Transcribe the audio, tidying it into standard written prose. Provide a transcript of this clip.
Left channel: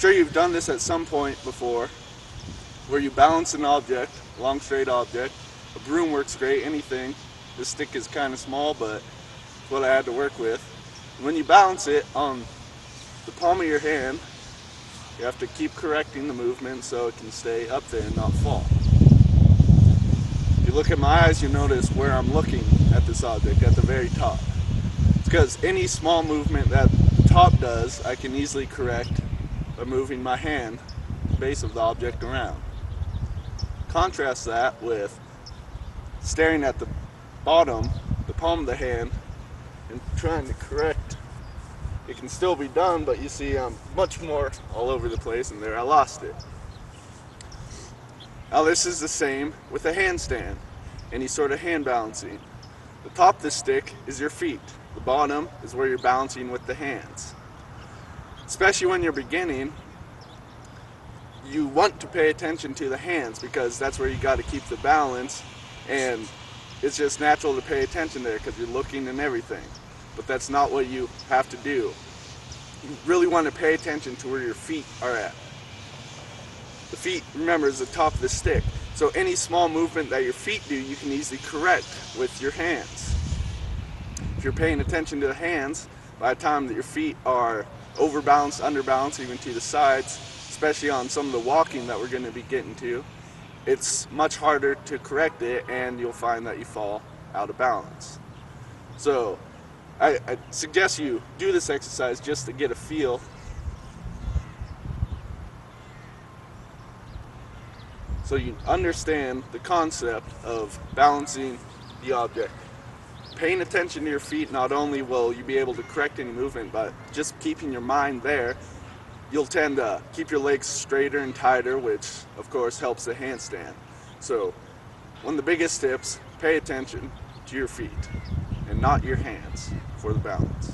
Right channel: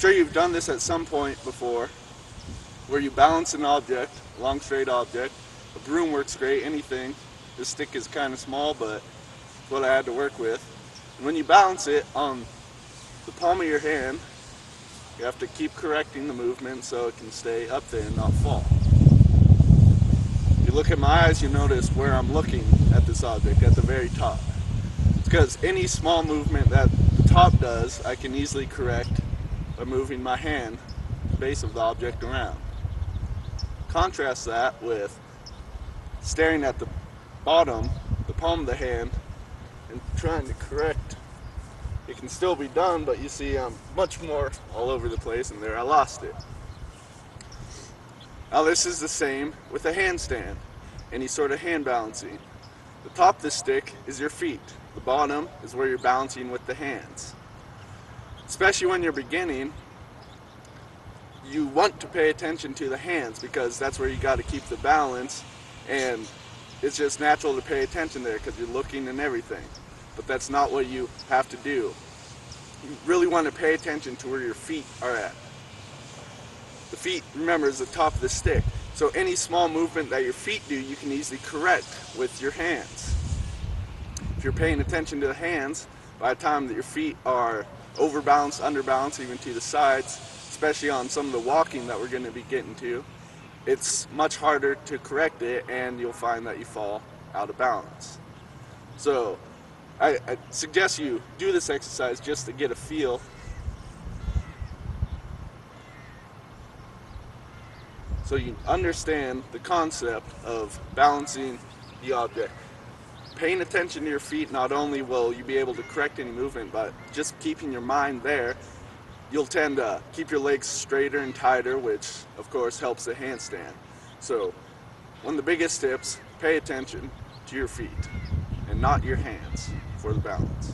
sure you've done this at some point before, where you balance an object, a long straight object. A broom works great, anything. This stick is kind of small, but it's what I had to work with. And when you balance it on the palm of your hand, you have to keep correcting the movement so it can stay up there and not fall. If you look at my eyes, you notice where I'm looking at this object, at the very top. It's because any small movement that the top does, I can easily correct by moving my hand, the base of the object, around. Contrast that with staring at the bottom, the palm of the hand, and trying to correct. It can still be done, but you see I'm much more all over the place, and there I lost it. Now this is the same with a handstand, any sort of hand balancing. The top of the stick is your feet. The bottom is where you're balancing with the hands. Especially when you're beginning, you want to pay attention to the hands because that's where you got to keep the balance, and it's just natural to pay attention there because you're looking and everything. But that's not what you have to do. You really want to pay attention to where your feet are at. The feet, remember, is the top of the stick. So any small movement that your feet do, you can easily correct with your hands. If you're paying attention to the hands, by the time that your feet are overbalanced, underbalanced, even to the sides, especially on some of the walking that we're going to be getting to, it's much harder to correct it, and you'll find that you fall out of balance. So I suggest you do this exercise just to get a feel so you understand the concept of balancing the object. Paying attention to your feet, not only will you be able to correct any movement, but just keeping your mind there, you'll tend to keep your legs straighter and tighter, which of course helps the handstand. So one of the biggest tips, pay attention to your feet and not your hands for the balance.